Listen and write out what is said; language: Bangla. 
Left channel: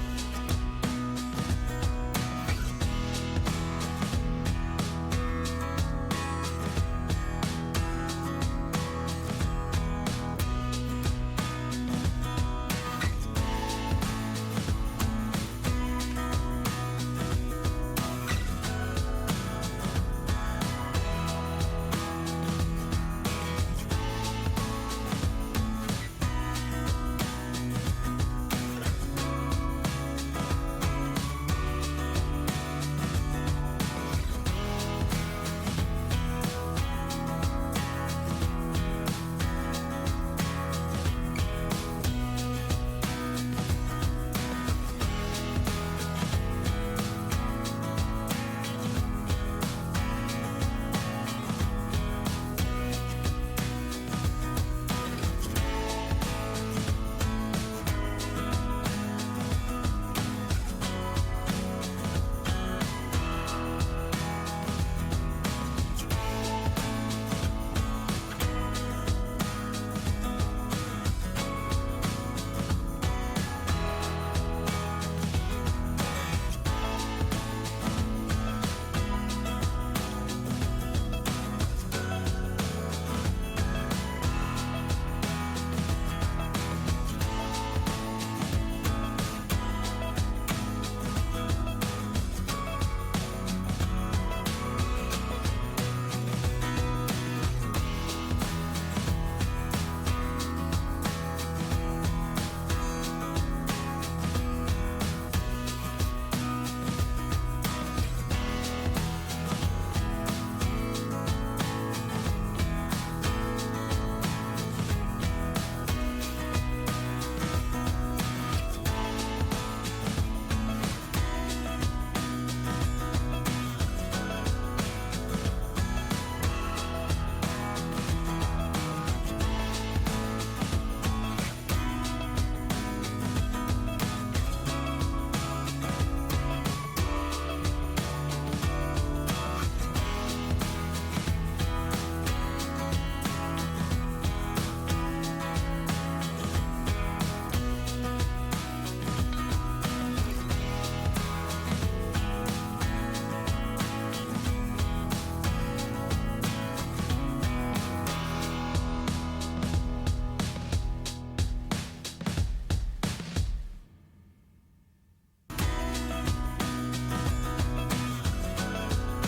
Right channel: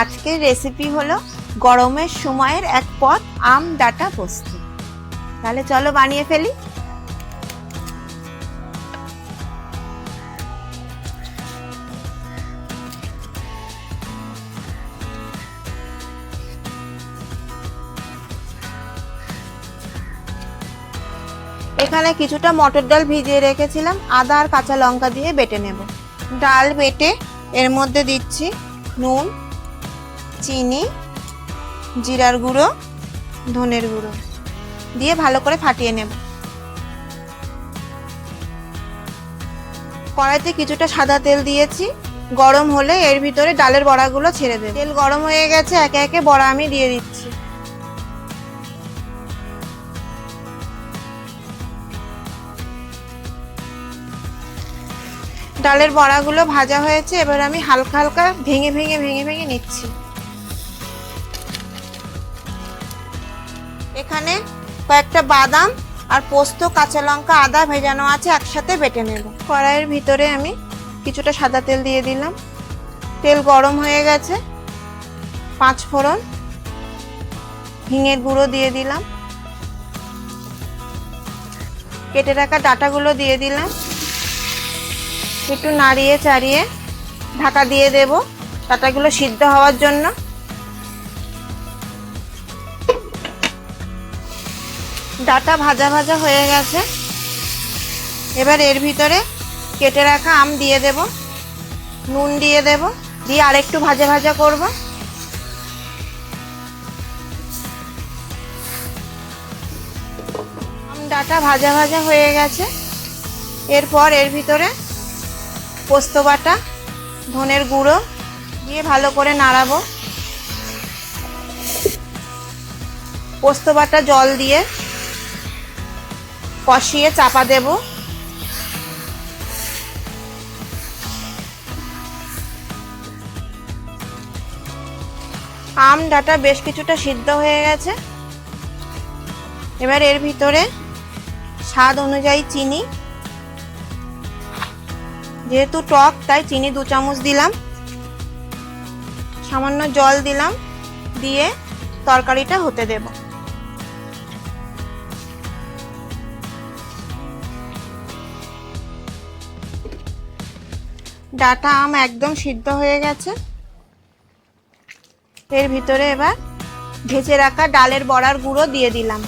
আজকের রেসিপি হলো গরমের সময়ের এক পদ আম ডাঁটা পোস্ত। তাহলে চলো বানিয়ে ফেলি। এখানে কিছুটা মটর ডাল ভিজিয়ে রেখেছিলাম, আদা আর কাঁচা লঙ্কা দিয়ে বেটে নেব। ডাল বেটে এর মধ্যে দিচ্ছি নুন, চিনি, জিরার গুঁড়ো, ধনের গুঁড়ো দিয়ে ভালো করে ফাটিয়ে নেব। কড়াইতে কিছুটা সাদা তেল দিয়েছি, গরম হলে এর ভিতরে ডালের বড়াগুলো ছেড়ে দেব। তেল গরম হয়ে গেছে, একে একে বড়া আমি দিয়ে দিচ্ছি। ডালের বড়াগুলো ভাজা হয়েছে, এবার আমি হালকা হালকা ভেঙে ভেঙে নিচ্ছি। এখানে কয়েকটা বাদাম আর পোস্ত, কাঁচা লঙ্কা, আদা ভেজানো আছে, একসাথে বেটে নেব। কড়াইয়ের ভিতরে আমি কিছুটা সাদা তেল দিয়ে দিলাম। তেল গরম হয়ে গেছে, 5 ফোড়ন, হিঙের গুঁড়ো দিয়ে দিলাম, কেটে রাখা ডাঁটাগুলো দিয়ে দিলাম। একটু নাড়িয়ে চাড়িয়ে ঢাকা দিয়ে দেব ডাঁটাগুলো সিদ্ধ হওয়ার জন্য। ডাঁটা ভাজা ভাজা হয়ে গেছে, এবার এর ভিতরে কেটে রাখা আম দিয়ে দেব, নুন দিয়ে দেব, দিয়ে আরেকটু ভাজা ভাজা করব। ডাঁটা ভাজা ভাজা হয়ে গেছে, এরপর এর ভিতরে পোস্ত বাটা, ধনের গুঁড়ো দিয়ে ভালো করে নাড়াবো। পোস্ত বাটা জল দিয়ে কষিয়ে চাপা দেব। আম ডাঁটা বেশ কিছুটা সিদ্ধ হয়ে গেছে, এবার এর ভিতরে স্বাদ অনুযায়ী চিনি, যেহেতু টক তাই চিনি 2 চামচ দিলাম, সামান্য জল দিলাম, দিয়ে তরকারিটা হতে দেব। ডাঁটা আম একদম সিদ্ধ হয়ে গেছে, এর ভিতরে এবার ভেজে রাখা ডালের বড়ার গুঁড়ো দিয়ে দিলাম।